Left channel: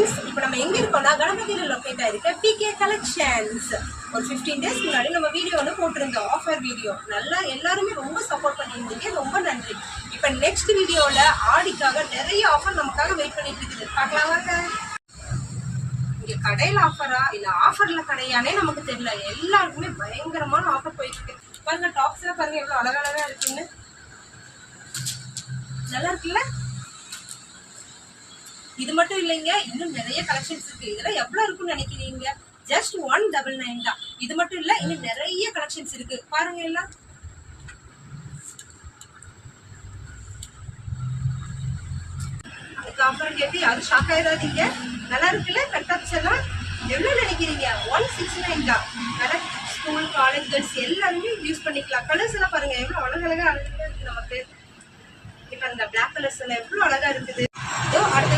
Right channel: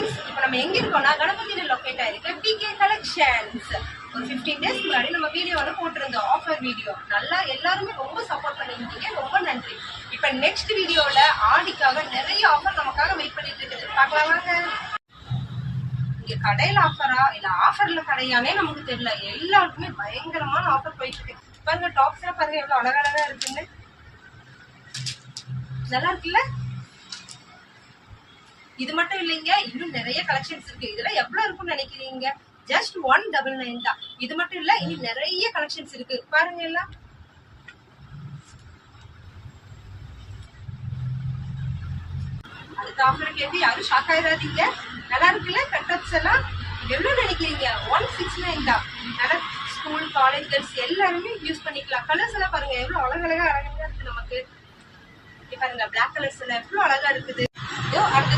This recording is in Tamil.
ஃப்ரெண்ட்ஸ், இப்போ நம்ம எங்கே இருக்கோம்னா கணபதியில் லொக்கேட் ஆகிருக்க பிகே கலெக்ஷன்ஸ். ஒரு 15 டேஸ்க்கு முன்னாடி நம்ம வீடியோ ஒன்று போட்டிருந்தோம், ஆஃபர் வீடியோ. நல்லா எல்லாருமே ரொம்ப சப்போர்ட் பண்ணியிருந்தீங்க, ரொம்ப நன்றி. இப்போ நெக்ஸ்ட் வீடியோவில் ஆடிக்காக நிறைய ஆஃபர் நமக்காக வெயிட் பண்ணிட்டு இருக்குது. பார்க்கலாம் வாங்க. இங்கே கடையில் ஆஃபரா இல்லை ஆஃபரில் கடையானே நமக்கு தெரியல. எல்லாருக்குமே பயங்கரமான ஆஃபர் போயிட்டு இருக்கு. பாருங்க, டாப்ஸ்லாம் பாருங்க எவ்வளோ அழகழகாக இருக்குன்னு. நல்லா இருக்குல்ல? இது மட்டும் இல்லைங்க, இன்னும் நிறைய கலெக்ஷன்ஸ் இருக்கு. இதெல்லாம் எவ்வளவு இருக்கும்னு நினைக்கிறீங்க? ஜஸ்ட் 199 தான். இது மட்டும் இல்ல, இன்னும் நிறைய கலெக்ஷன்ஸ் இருக்கு. பாருங்க எல்லாம். அடுத்த ஆஃபர் கேட்டு யாரும் ஷாக் ஆயிடாதீங்க. நல்லா இருக்குல்ல? கட்டப்ஸ் எல்லாம் எவ்வளவு நினைக்கிறீங்க? 169 தான். நல்லா ஸ்கூல், காலேஜ் கேர்ள்ஸ் எல்லாருமே யூஸ் பண்ணிக்கலாம். கலர்ஸ் எல்லாம் பாருங்க எவ்வளவு அழகழகா இருக்கு நமக்கு. பாருங்க, பிளாக் கலர்ஸ் எல்லாம் எவ்வளவு அழகா இருக்குது. அடுத்த